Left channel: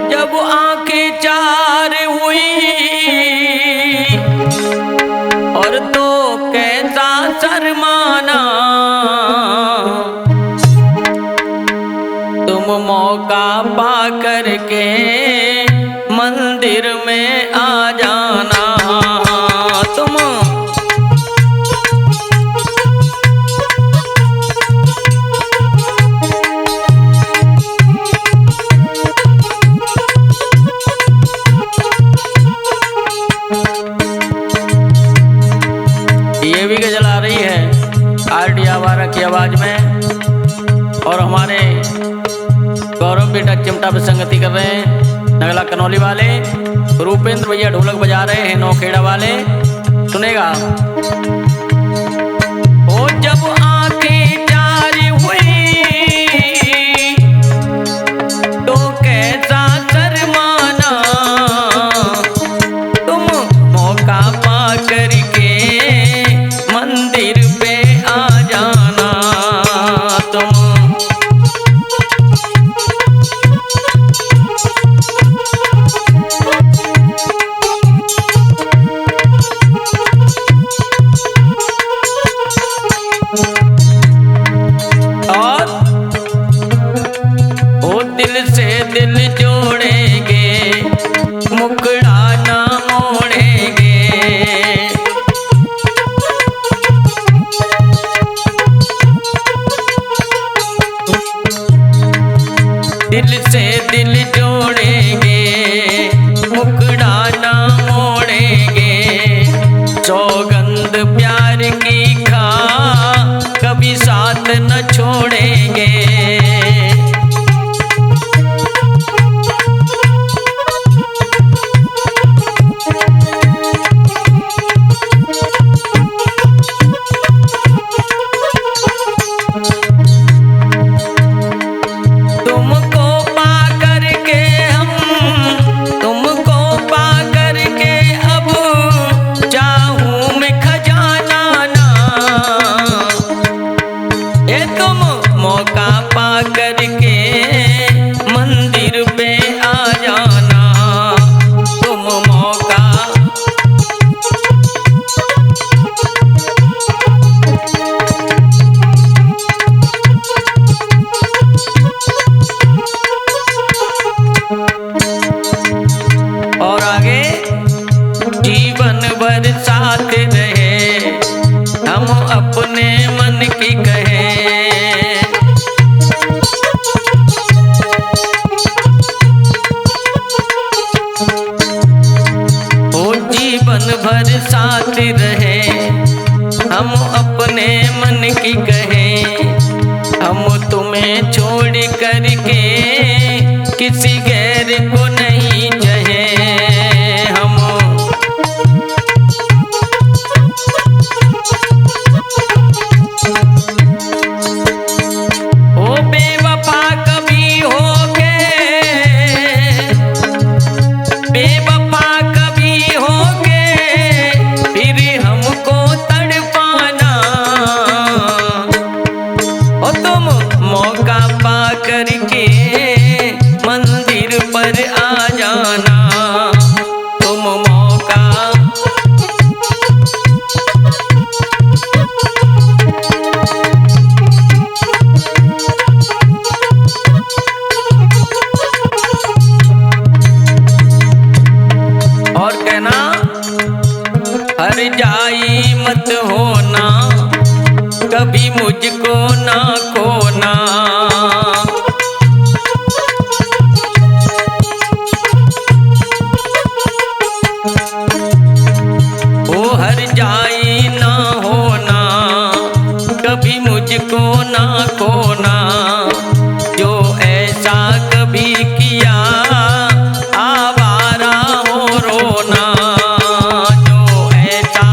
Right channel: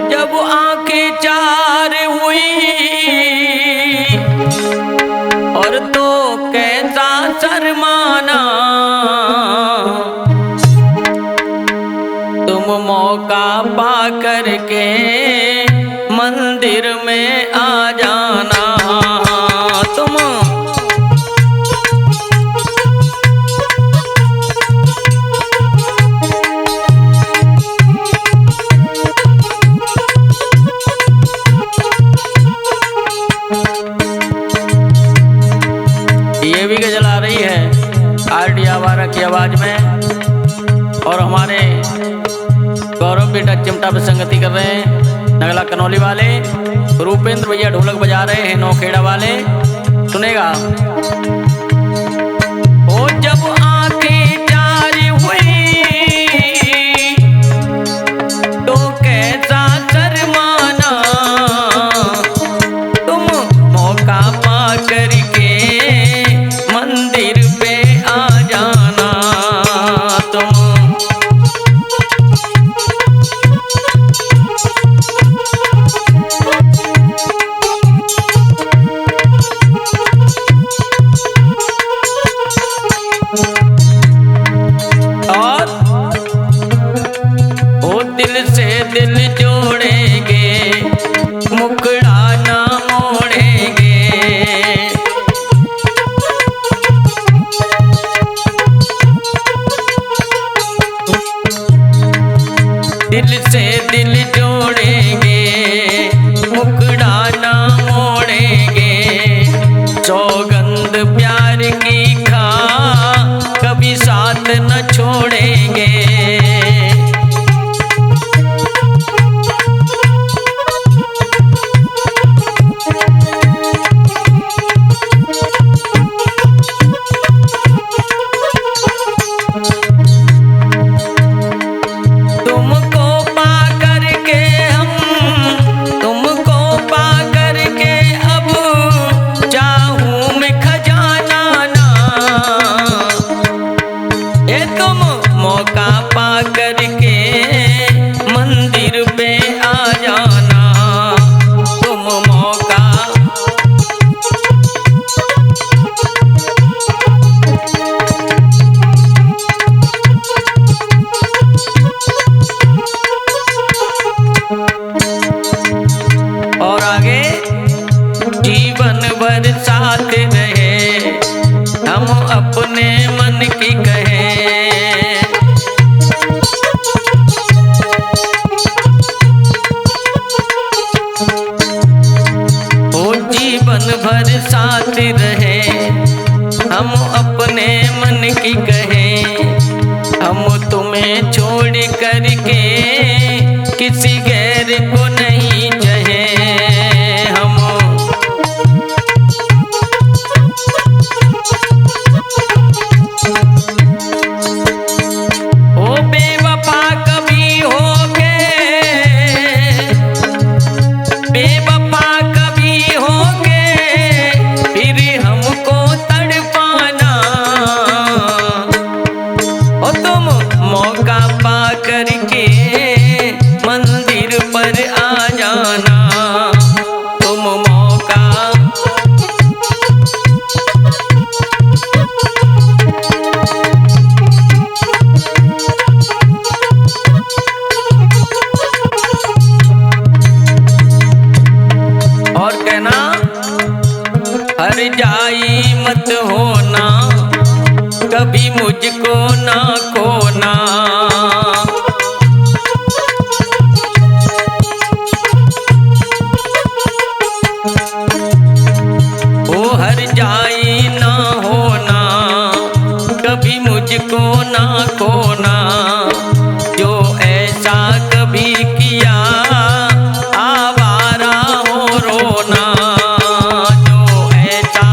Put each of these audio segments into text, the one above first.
जब आंखें चार हुई और तो कैसा शर्माना, तुम मौका पा करके मंदिर में आ जाना। तुम ये भी गजल आ रही है आरडी आवारा की आवाज में, और हमारे गौरव बेटा चिमटा पे संगति कर रहे हैं। नगला कनौली वाले रूपेंद्र भैया ढोलक बजा रहे हैं, नौखेड़ा वाले। सुनेगा। ओ जब आंखें जारी हुई तो कैसा शर्माना, तुम मौका पा करके मंदिर पे आ जाना। तुम और वो दिल से दिल जोड़ेंगे, मुकड़ा ना मोड़ेंगे। दिल से दिल जोड़ेंगे, मुकड़ा ना मोड़ेंगे। सौगंध प्यार की खा कभी साथ न छोड़ेंगे। तुमको पा करके हम, तुमको पा करके अब चाहूं मैं खजाना ना। ये तुम मौका पा करके मंदिर पे आ जाना। तुम मौका और आगे जीवन भर साथ रहे, हम अपने मन की कहें। ओ जीवन भर साथ रहे, हम अपने मन की कहें। हम तुम्हें छोड़ करके किसी गैर को नहीं चाहे। हम ओ बेवफा कभी होगे, बेवफा कभी होगे, फिर हमको तड़पाना। ओ तुम मौका पा करके मंदिर पर आ जाना। तुम मौका और कहना, हर जाई मत होना, कभी मुझको ना खोना। ओ हर जाई ना होना, कभी मुझको ना खोना। जो ऐसा कभी किया आवारा हो रोना। जो ऐसा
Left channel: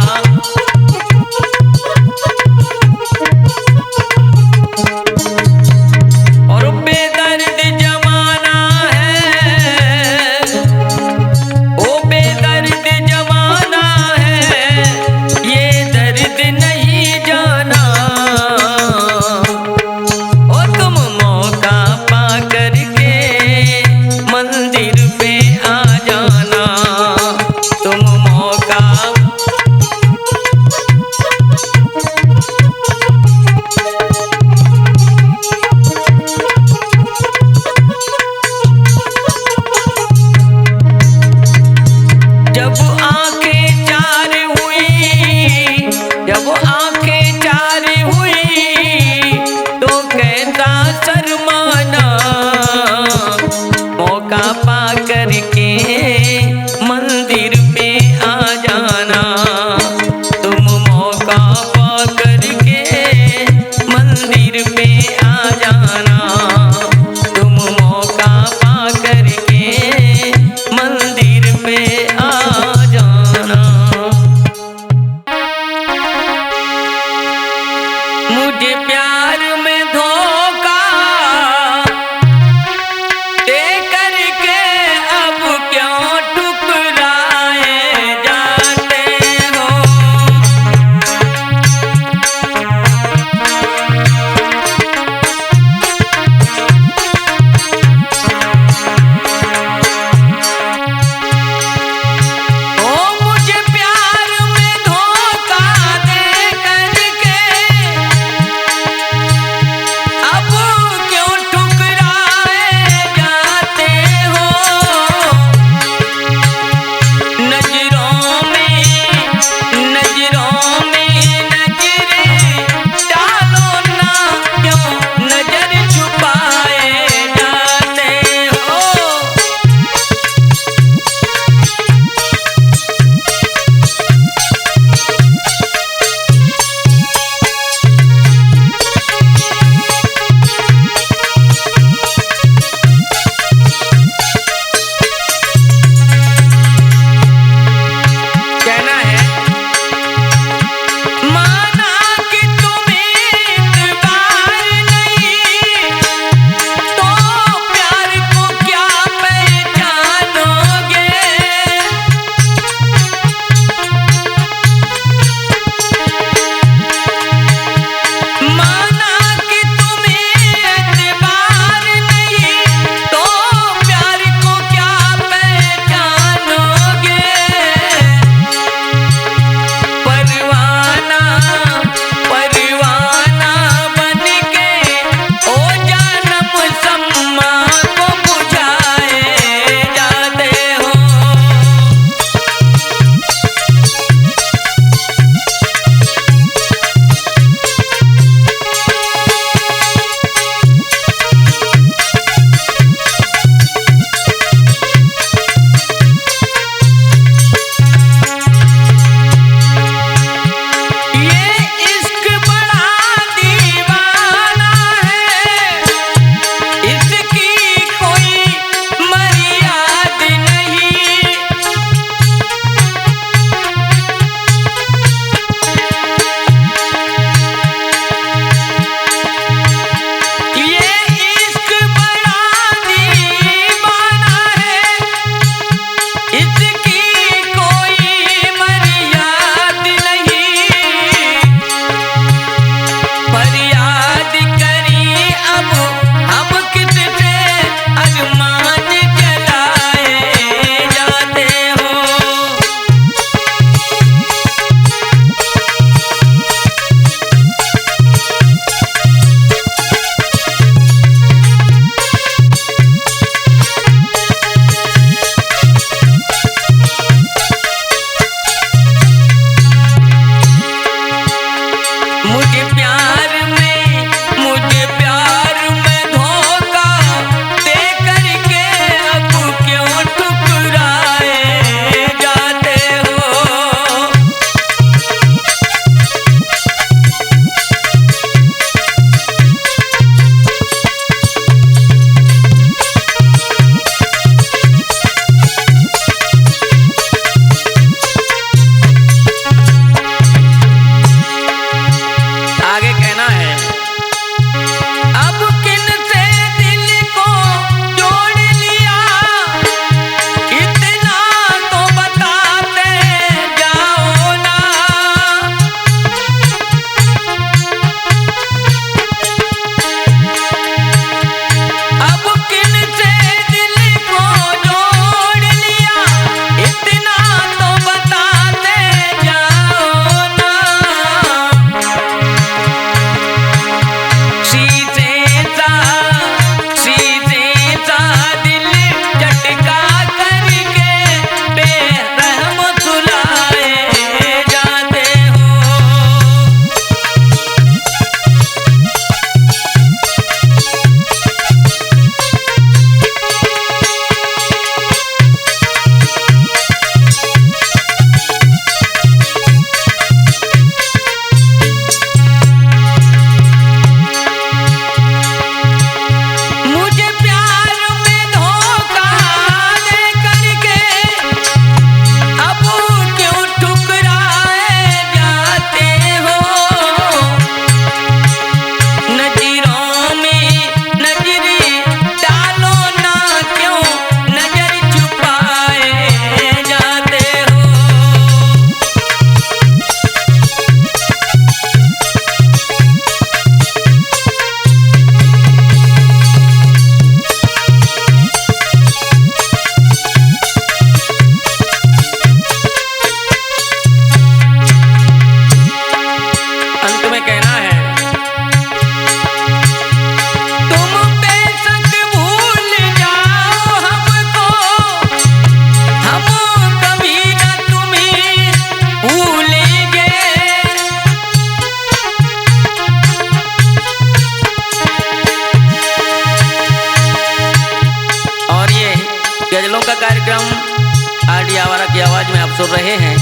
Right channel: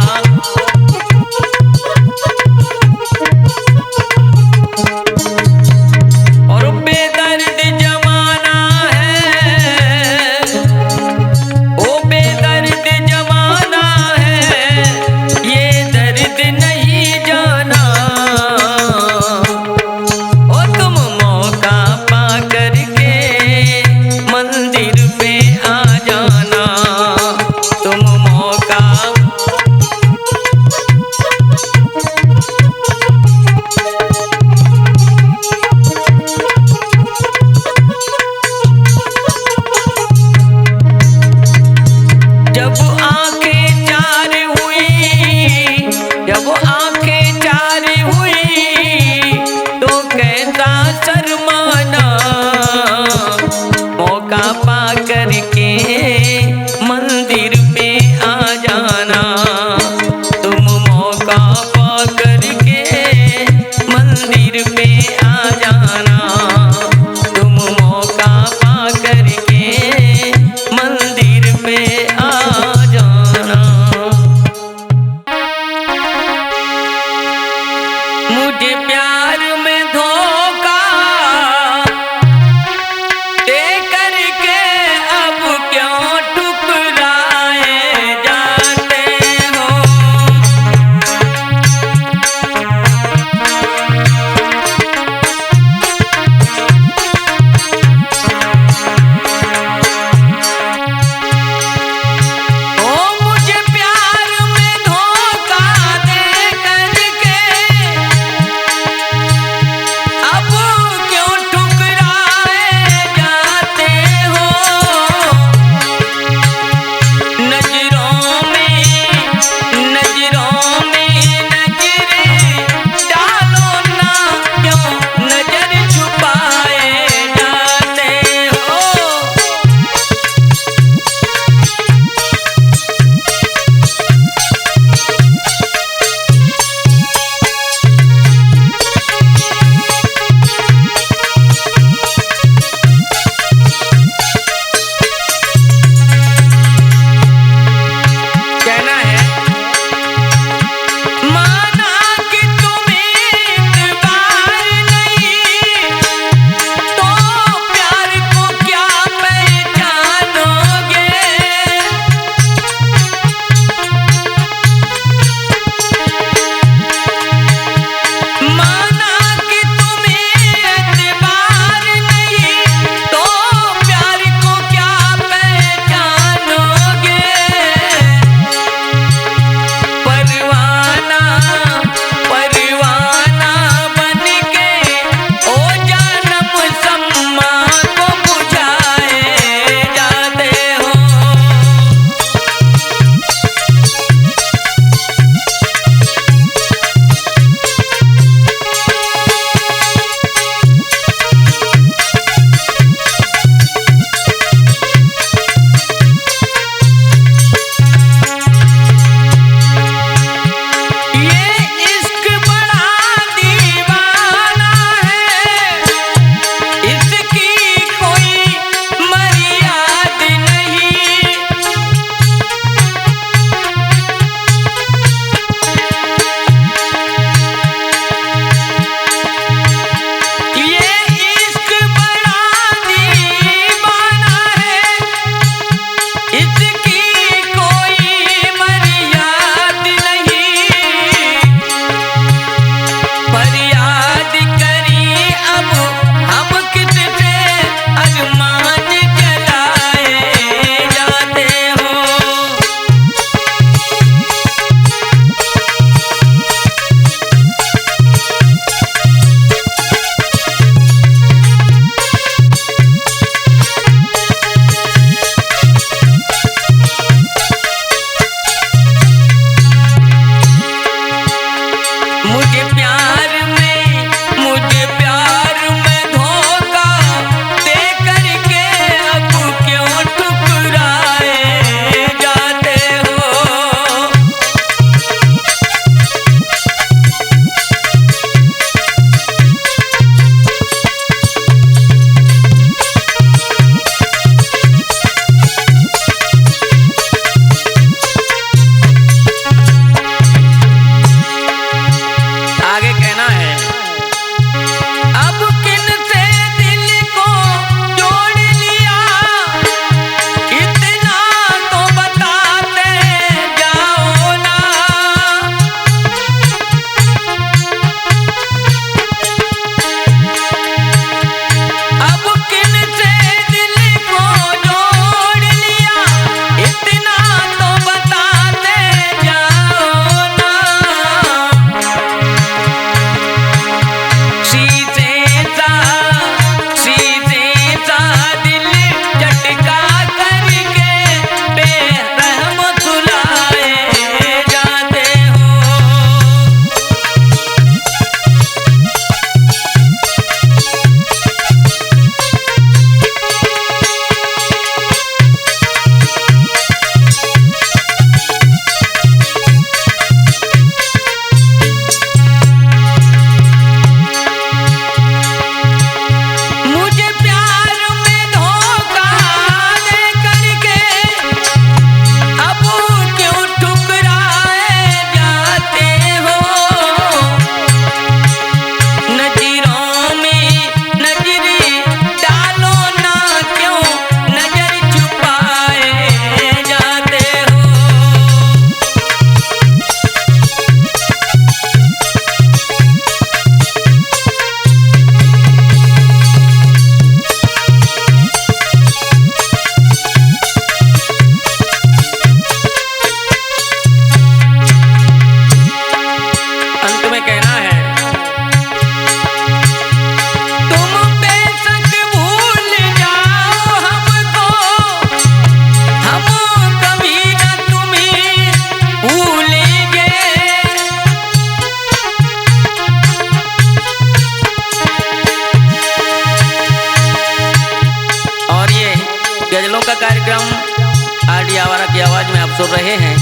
कार्यक्रम आरडी आवारा की आवाज़ में आप सुन रहे हैं।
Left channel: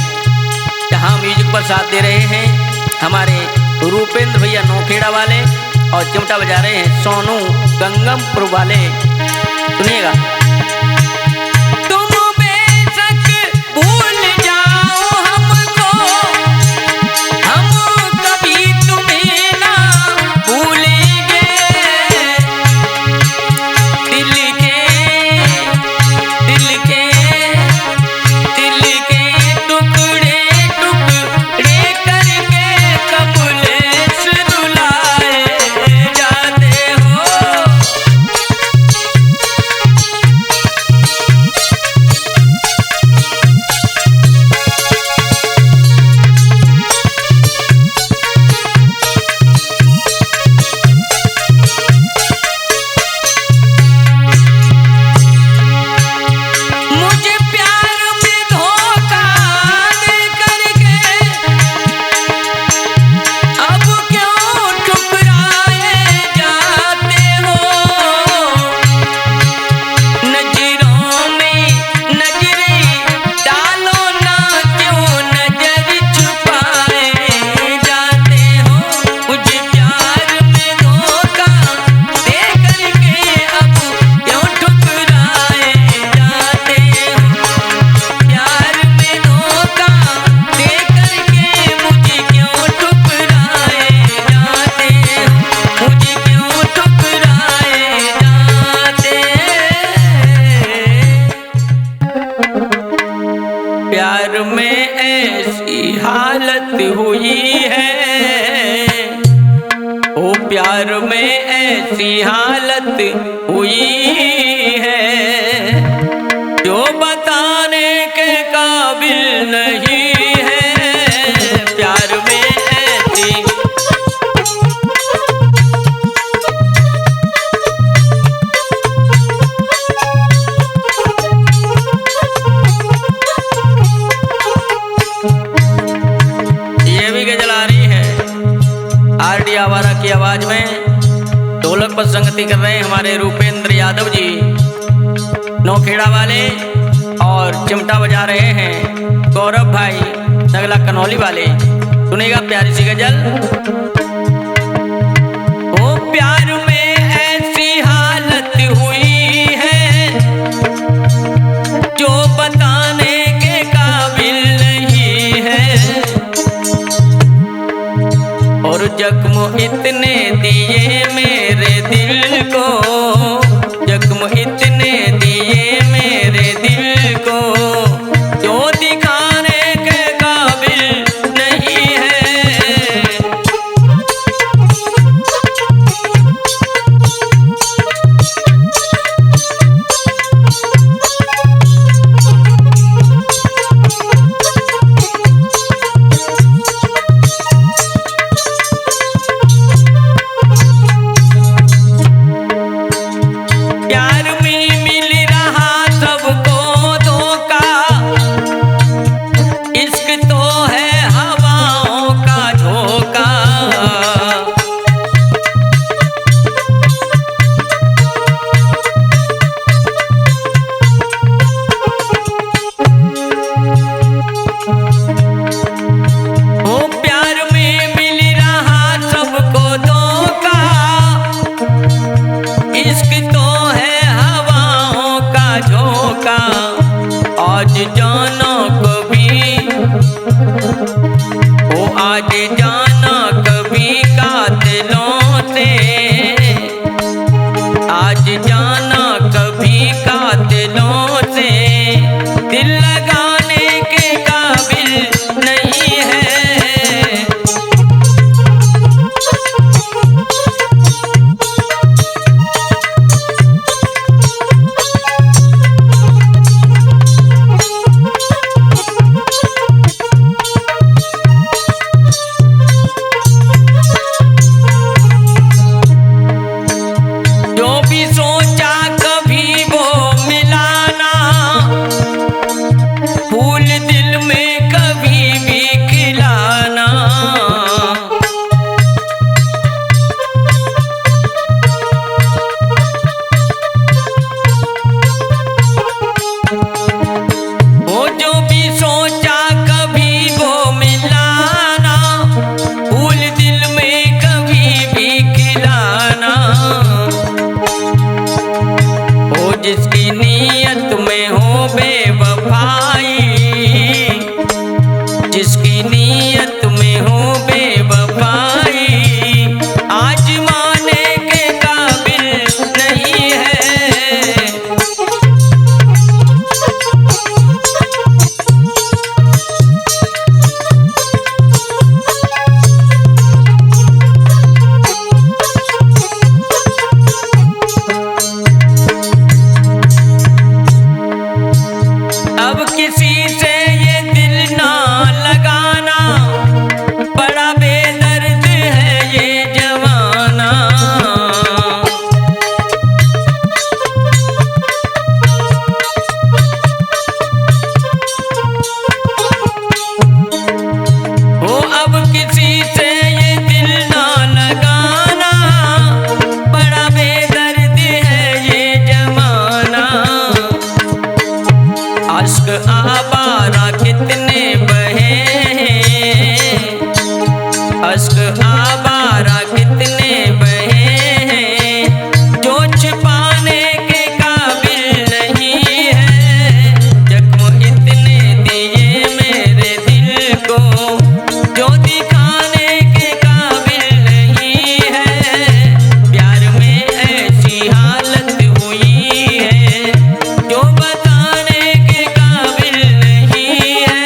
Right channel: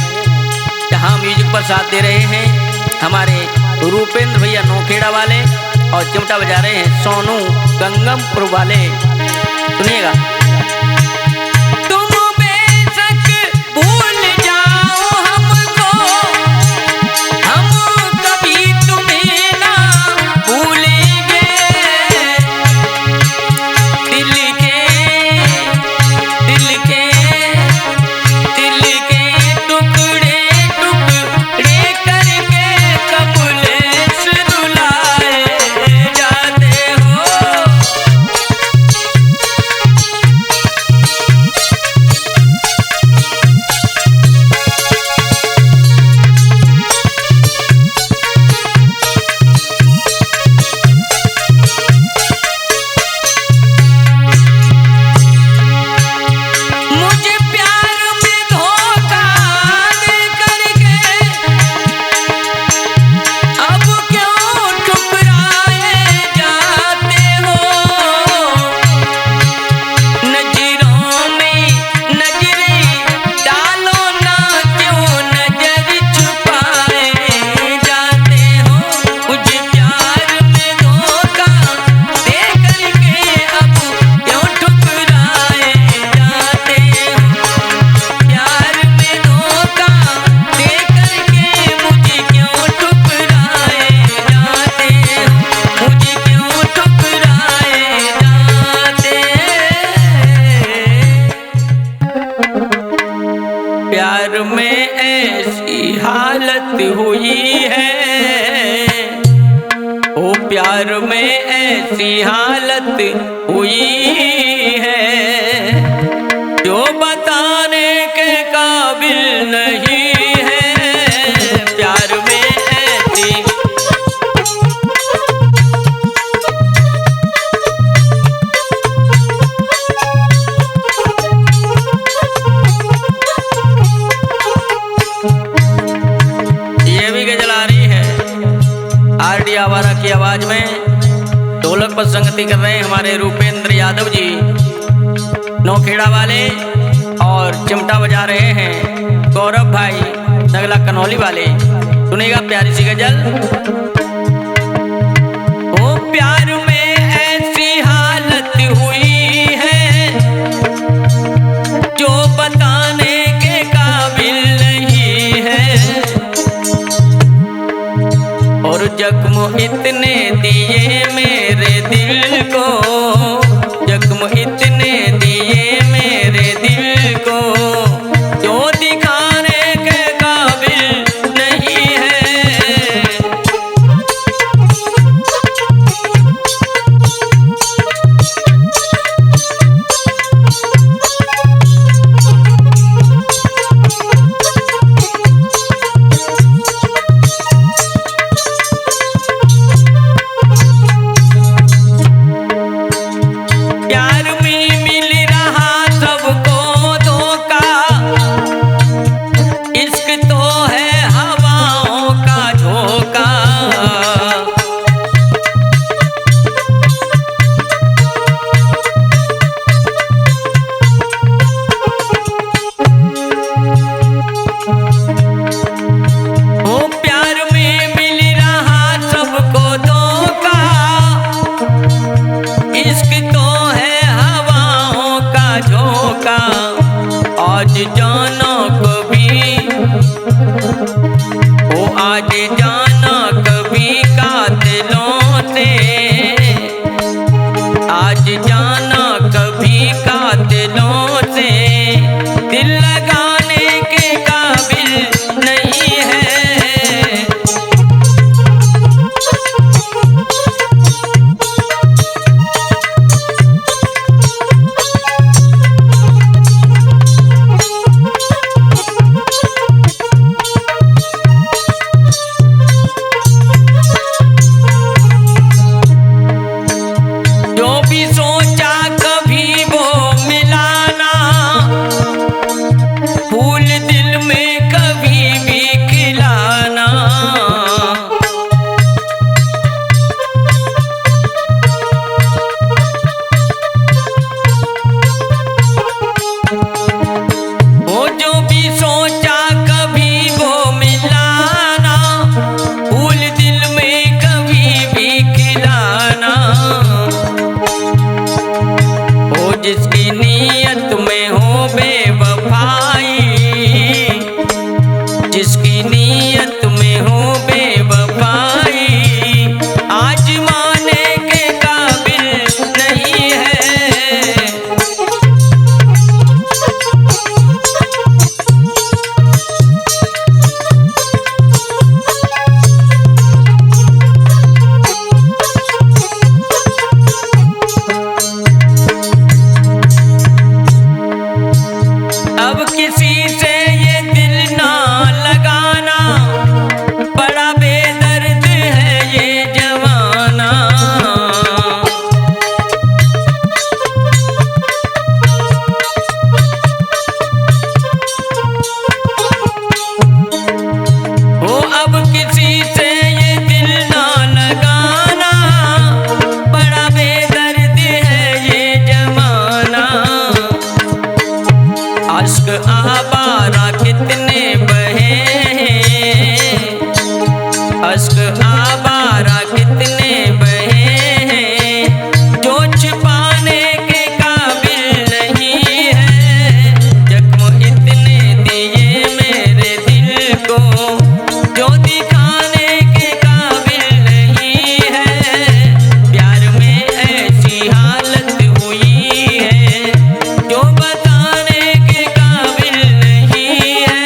जहां म्यूजिक पर साथ दे रहे हैं हमारे रूपेंद्र भैया नौखेड़ा वाले और चिमटा बजा रहे हैं सोनू गंगमपुर वाले। सुनिएगा। प्यार में ऐसी हालत हुई है, ओ प्यार में ऐसी हालत हुई है जो बताने के काबिल नहीं है। प्यार में ऐसी आरडी आवारा की आवाज में ढोलक पर संगति कर रहे हैं हमारे रूपेंद्र यादव जी नौखेड़ा वाले और चिमटा बजा रहे हैं गौरव भाई नगला कनौली वाले। सुनेगा प्यारी सी गजल। ओ प्यार में ऐसी हालत हुई है जो बताने के काबिल नहीं है, और जख्म इतने दिए मेरे दिल को, जख्म इतने दिए मेरे दिल को जो दिखाने के काबिल नहीं है। आज जाना कभी, ओ आज जाना कभी कातिलों से, आज जाना कभी कातिलों से दिल लगाने के काबिल नहीं है। कुछ पाने के काबिल नहीं है, जख्म इतने दिए मेरे दिल को जो दिखाने के काबिल नहीं है। प्यार में ऐसी हालत हुई है जो बताने के काबिल नहीं है,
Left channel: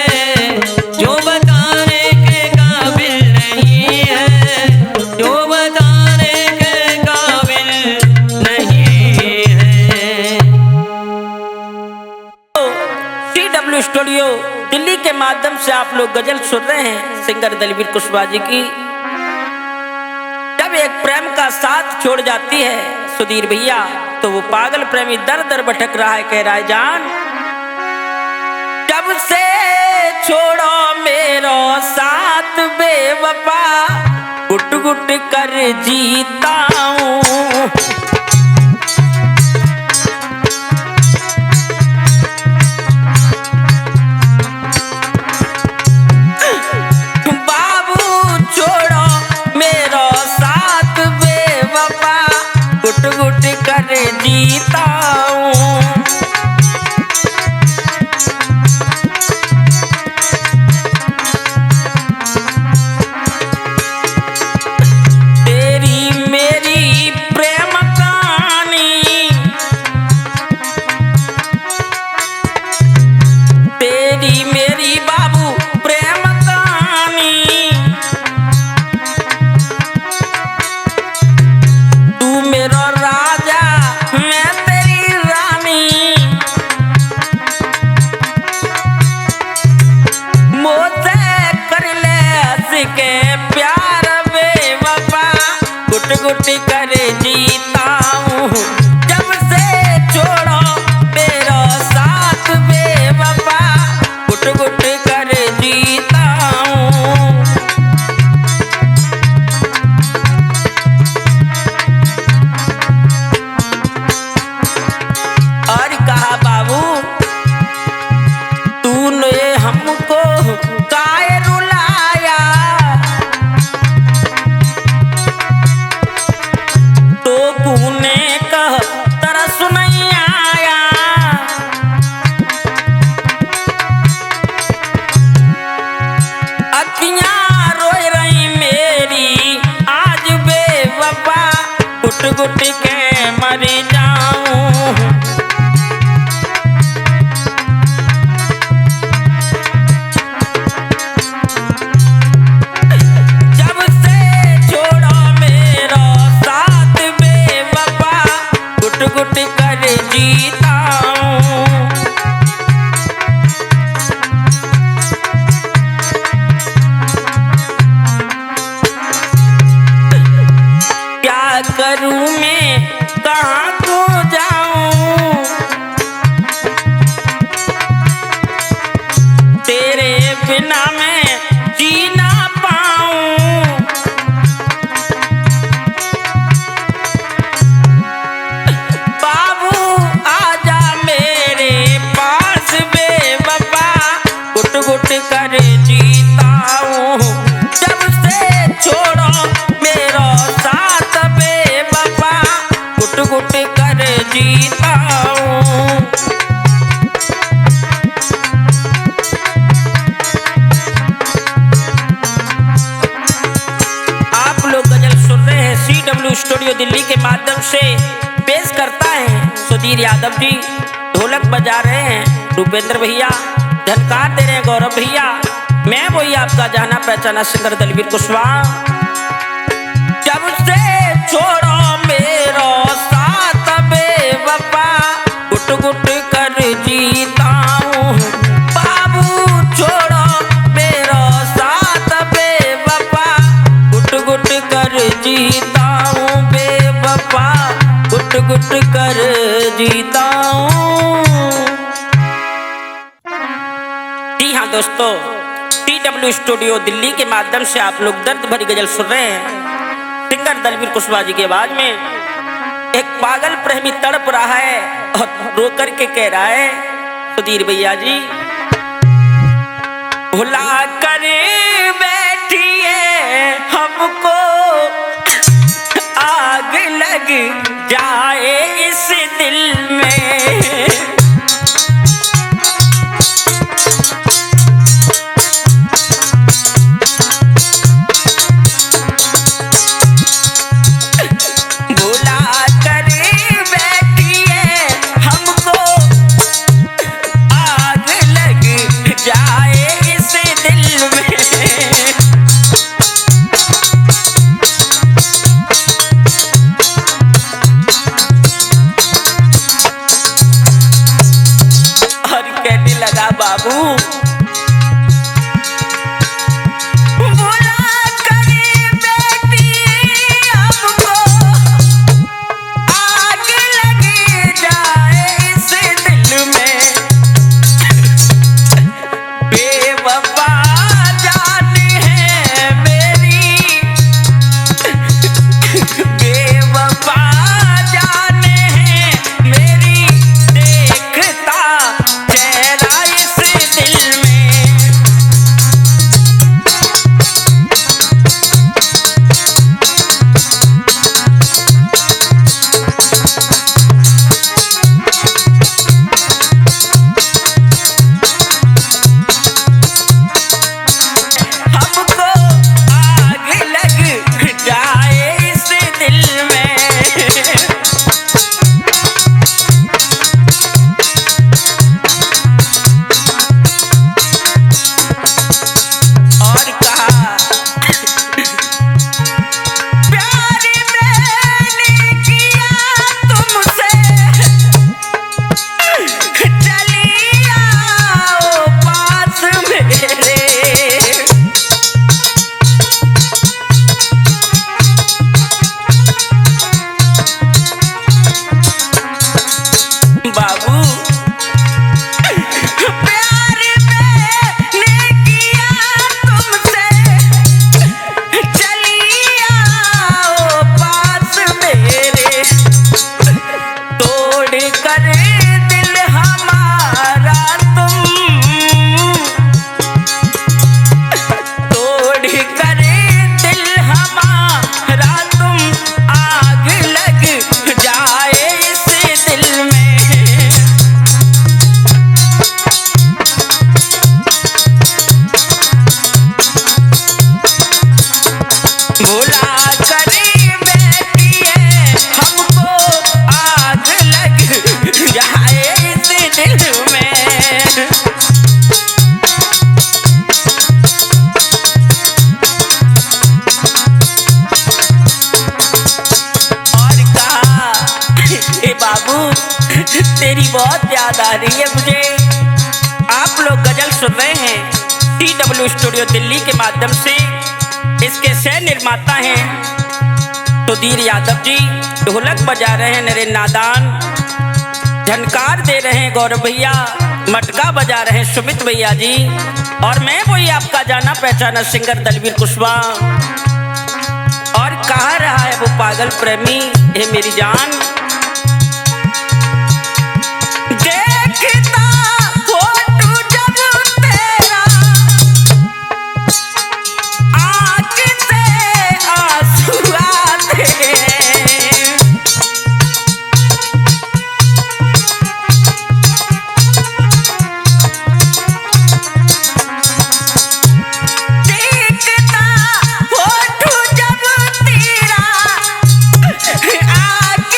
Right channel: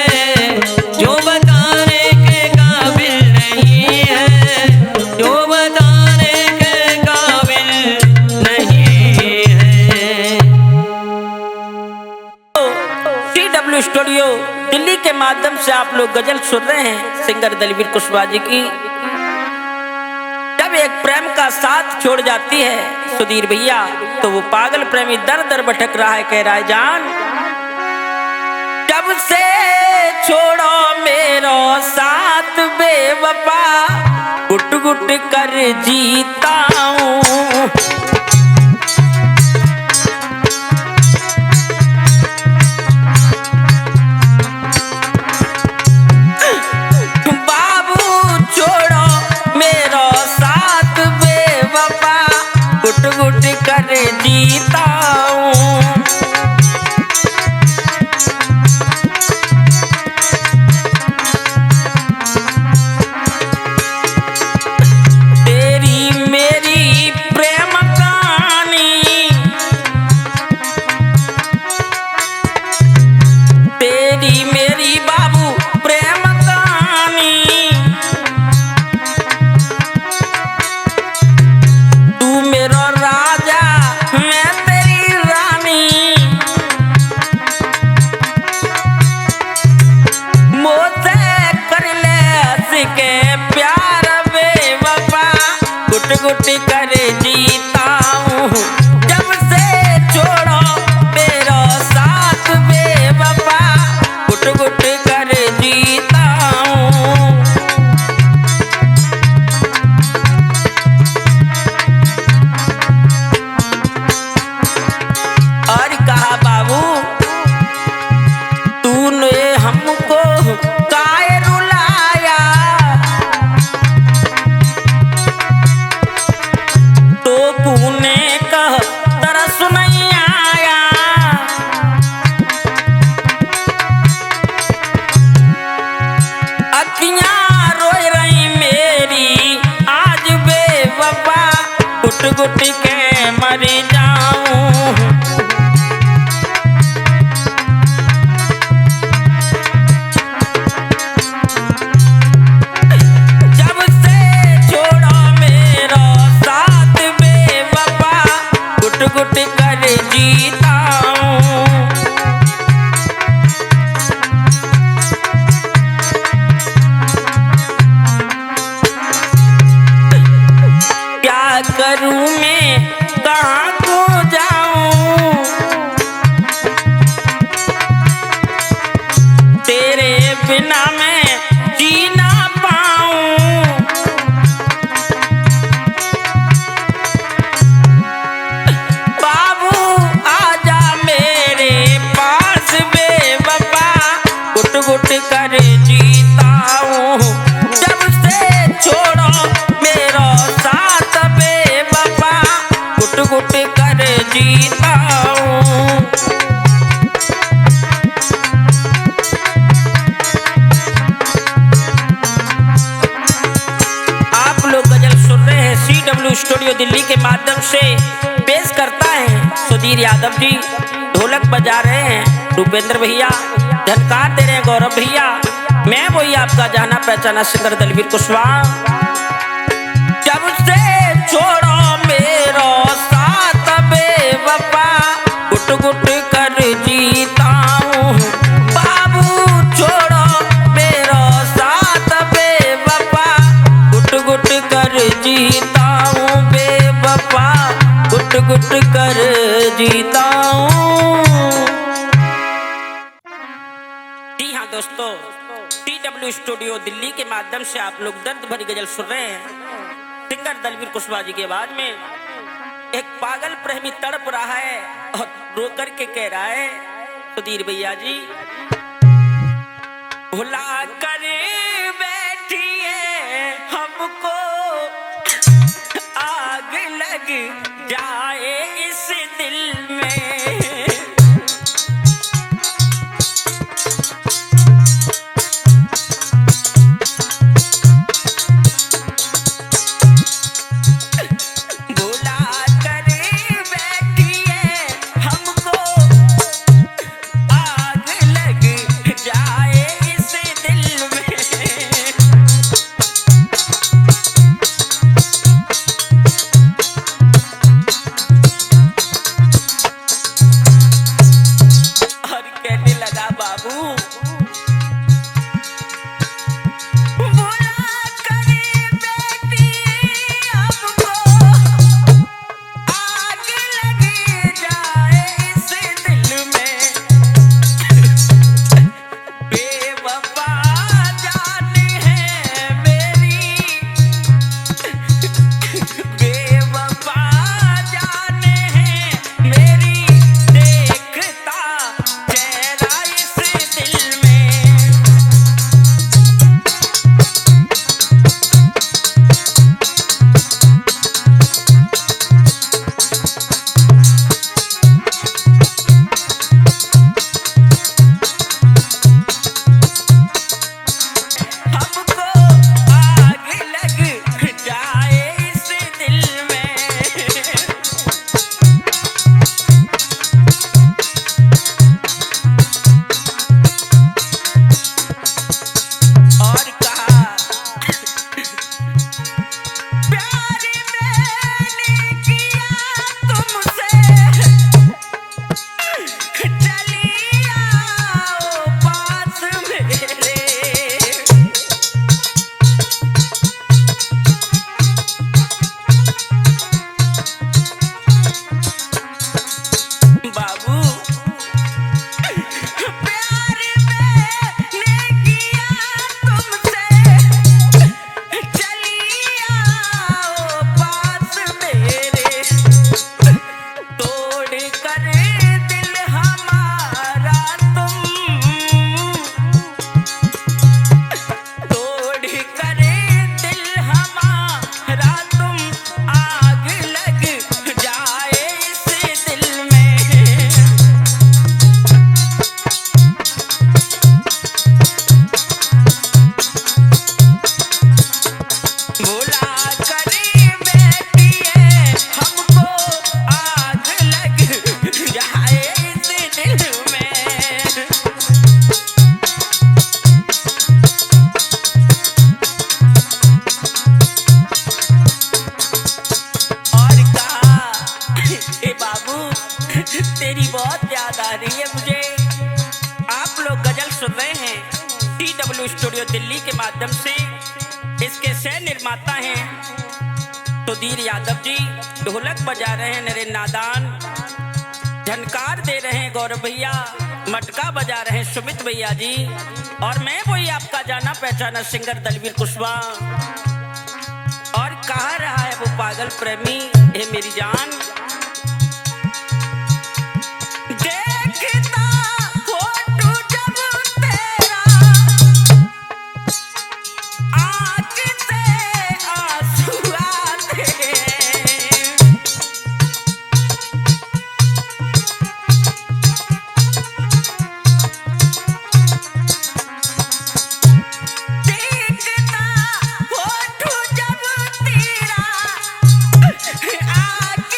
जो बताने के काबिल नहीं है, जो बताने के काबिल नहीं है। CW स्टूडियो दिल्ली के माध्यम से आप लोग गजल सुन रहे हैं सिंगर दलवीर कुशवाहा जी की। जब एक प्रेम का साथ छोड़ जाती है सुधीर भैया, तो वो पागल प्रेमी दर दर भटक रहा है, कह रहा है जान जब से छोड़ो मेरो साथ बेवफा, गुट गुट कर जीता हूँ। बाबू छोड़ो मेरो साथ बेवफा, गुट गुट कर जीता हूँ। तेरी मेरी प्रेम कहानी, तेरी मेरी बाबू प्रेम कहानी, तू मेरा राजा मैं तेरी रानी। मुझसे कर ले हंस के प्यार बेवफा, गुट गुट कर जीता हूँ। जब से छोड़ो मेरा साथ बेवफा, गुट गुट कर जीता हूँ। और कहा बाबू तूने हमको काहे रुलाया, तो तूने कह तरस नहीं आया। अखियां रोए रही मेरी आज बेवफा, गुट गुट के मर जाऊं। जब से छोड़ो मेरा साथ बेवफा, गुट गुट कर जीता हूँ। क्या करूँ मैं कहाँ को जाऊँ, तेरे बिना मैं जी ना पाऊँ। बाबू आजा मेरे पास बेवफा, गुट गुट कर जीता हूँ। जब से छोड़ो मेरा साथ बेवफा, गुट गुट कर जीता हूँ। आप लोग गजल सुन रहे हैं CW स्टूडियो दिल्ली के माध्यम से। पेश करता है सुधीर यादव जी, ढोलक बजा रहे हैं रूपेंद्र भैया, झनकार दे रहे हैं गौरव भैया। मैं वही आपका जाना पहचाना सिंगर दलवीर कुशवाहा। जब से छोड़ो मेरो साथ बेवफा, गुट गुट कर जीता हूँ। बाबू छोड़ो मेरो साथ बेवफा, गुट गुट कर जीता हूँ बेवफा, गुट गुट कर जीता हूँ। जी हाँ दोस्तों, CW स्टूडियो दिल्ली के माध्यम से आप लोग दर्द भरी गजल सुन रहे हैं सिंगर दलवीर कुशवाहा जी की आवाज में। एक पागल प्रेमी तड़प रहा है और रो कर के कह रहा है सुधीर भैया जी, भुला कर बैठिए हमको आग लग जाए दिल में। भुला कर बैठिए हमको आग लग जाए इस दिल में। और कहने लगा बाबू भुला कर बेटी हमको आग लग जाए इस दिल में। बेवफा जान है मेरी, बेवफा जान है मेरी, देखता चेहरा इस दिल में। हमको आग लग जाए इस दिल में। और कहा प्यार मैंने किया तुमसे, चली आओ पास मेरे। बाबू प्यार मैंने किया तुमसे, चली आओ पास मेरे। तोड़ कर दिल हमारा तुम, तोड़ कर दिल हमारा तुम, आग लग जाए इस दिल में। भुला कर बैठिए हमको आग लग जाए इस दिल में। और कहा ए बाबू तेरी बहुत याद आ रही है मुझे। आप लोग गजल सुन रहे हैं TW स्टूडियो दिल्ली के माध्यम से। इसके सह निर्माता हैं सुधीर यादव जी, ढोलक बजा रहे हैं नरेंद्र नादान, झनकार दे रहे हैं गौरव भैया, मटका बजा रहे हैं सुमित भैया जी, और मैं वही आपका जाना पहचाना सिंगर दलवीर कुशवाहा। और कहा रहा है वो पागल प्रेमी, हे मेरी जान देखता फोटो जब तेरा, आँख से आंसू आते हैं। देखता फोटो जब तेरा, आँख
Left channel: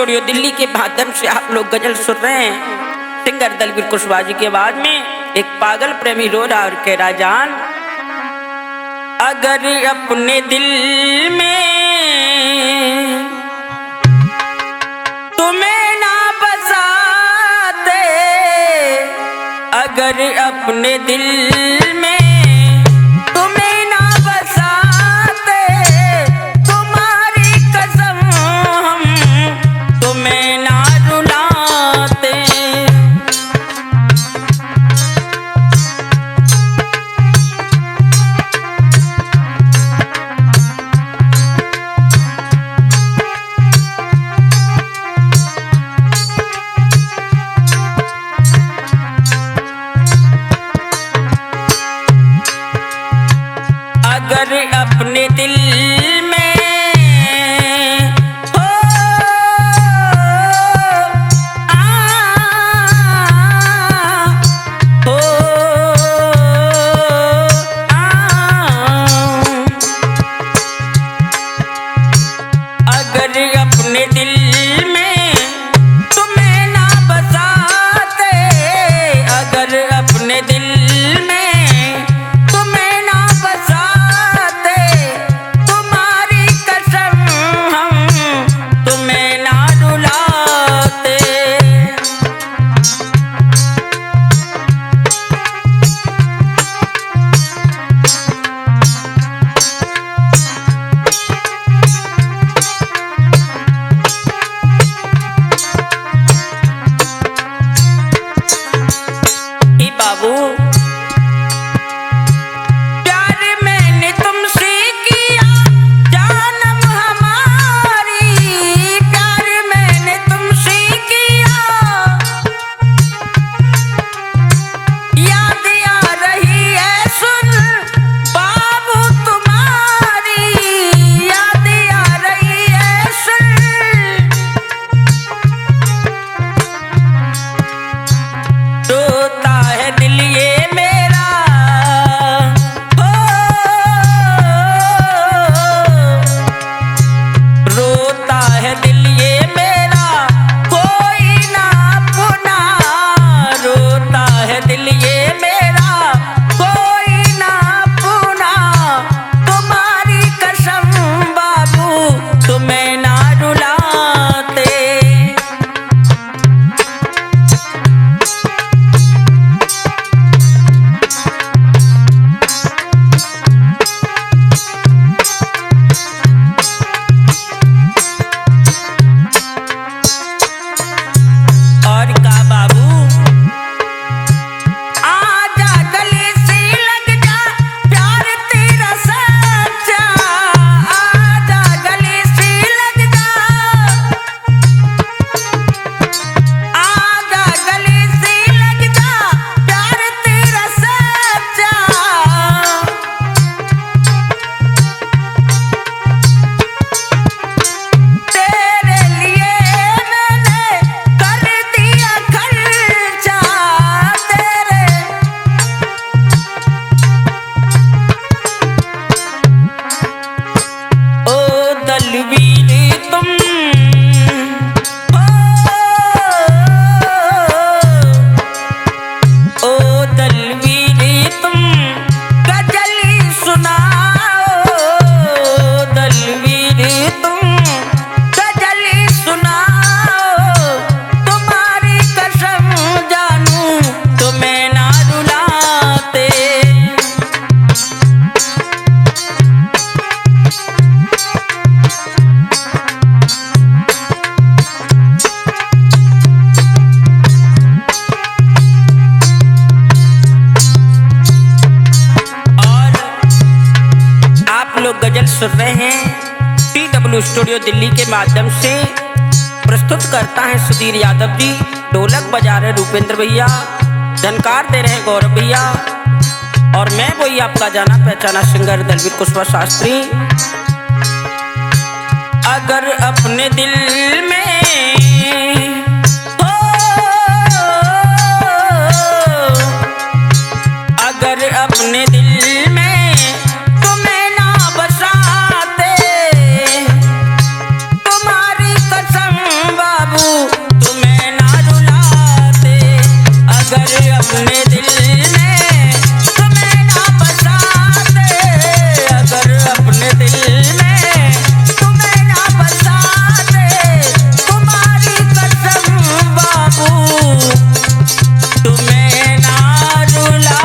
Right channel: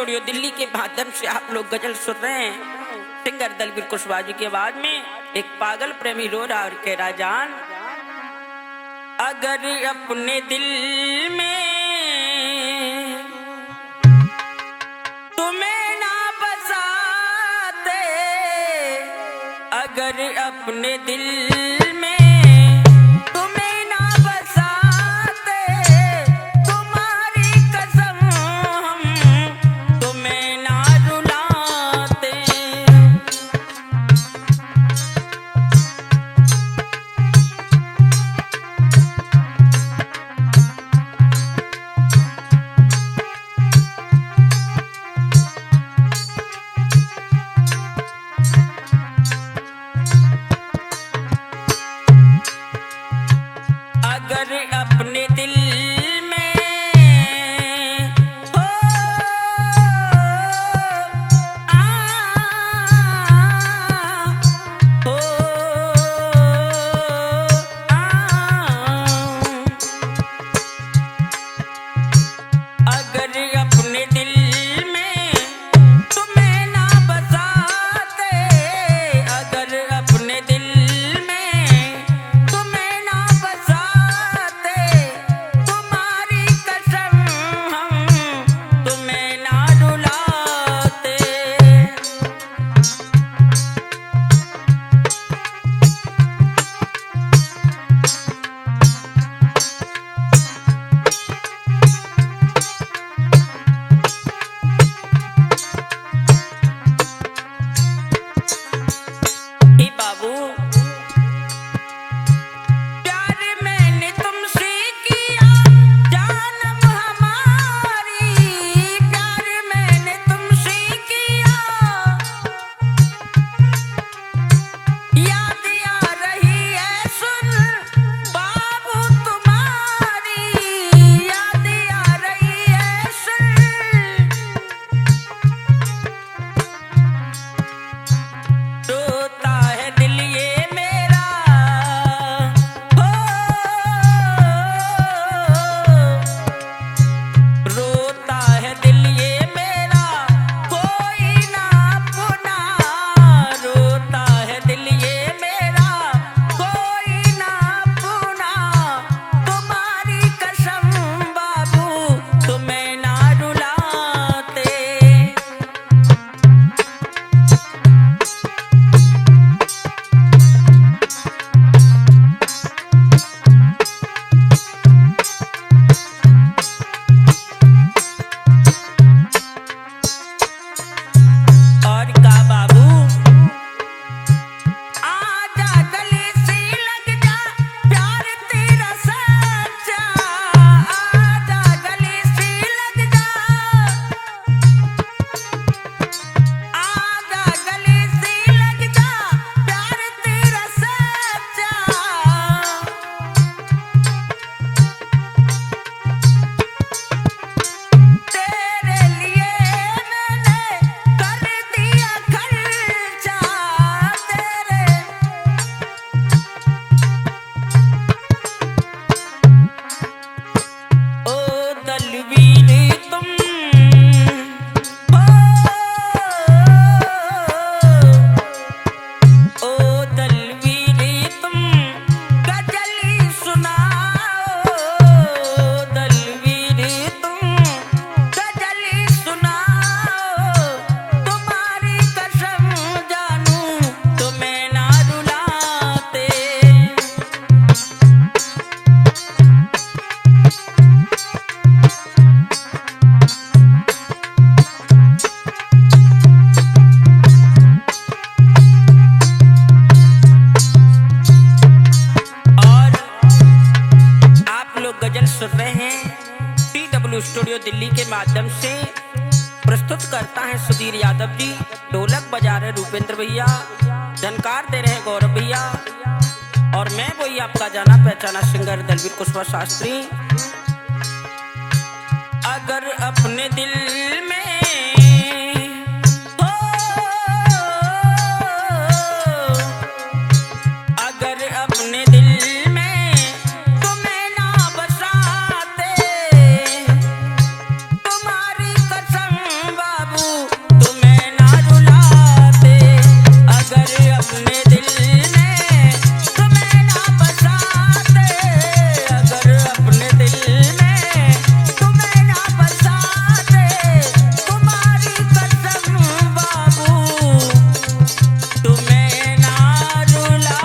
स्टूडियो दिल्ली के माध्यम से आप लोग गजल सुन रहे हैं सिंगर दलवीर कुशवाहा जी की आवाज में। एक पागल प्रेमी रो रहा और कह रहा, जान अगर अपने दिल में तुम्हें ना बसाते, अगर अपने दिल में तुम्हें ना बसाते, तुम्हारी कसम हम तुम्हें ना रुलाते। अगर अपने दिल में हो अगर अपने दिल में तुम्हें ना बसाते, अगर अपने दिल में बाबू प्यार मैंने तुमसे किया जानम हमारी, प्यार मैंने तुमसे किया, याद आ रही है सुन बाबू तुम्हारी, याद आ रही है सुन। रोता है दिल ये मेरा हो, रोता है दिल ये मेरा कोई ना अपना, रोता है दिल ये मेरा कोई ना अपना, तुम्हारी कसम बाबू तुम्हें ना रुलाते। और का बाबू आजा गले से लग जा प्यार तेरा सच्चा, आजा गले से लग जा, आजा गले से लग जा प्यार तेरा सच्चा। तेरे लिए मैंने कर दिया खर्चा, तेरे ओ दलवीर तुम ओ दलवीर तुम गजली सुनाओ, दलवीर तुम गजली सुनाओ, तुम्हारी कसम जानू तुम्हें ना रुलाते। और आप लोग गजल सुन रहे हैं TW स्टूडियो दिल्ली के माध्यम से। प्रस्तुत करता है सुधीर यादव जी, ढोलक बजा रहे रूपेंद्र भैया, झनकार दे रहे गौरव भैया, और मैं वही आपका जाना पहचाना सिंगर दलवीर कुशवाहा शास्त्री। अगर अपने दिल में हो, अगर अपने दिल में तुम्हें ना बसाते, तुम्हारी कसम अपने दिल में तुम्हें ना बसाते, अगर अपने दिल में तुम्हें ना बसाते, तुम्हारी कसम बाबू तुम्हें ना रुला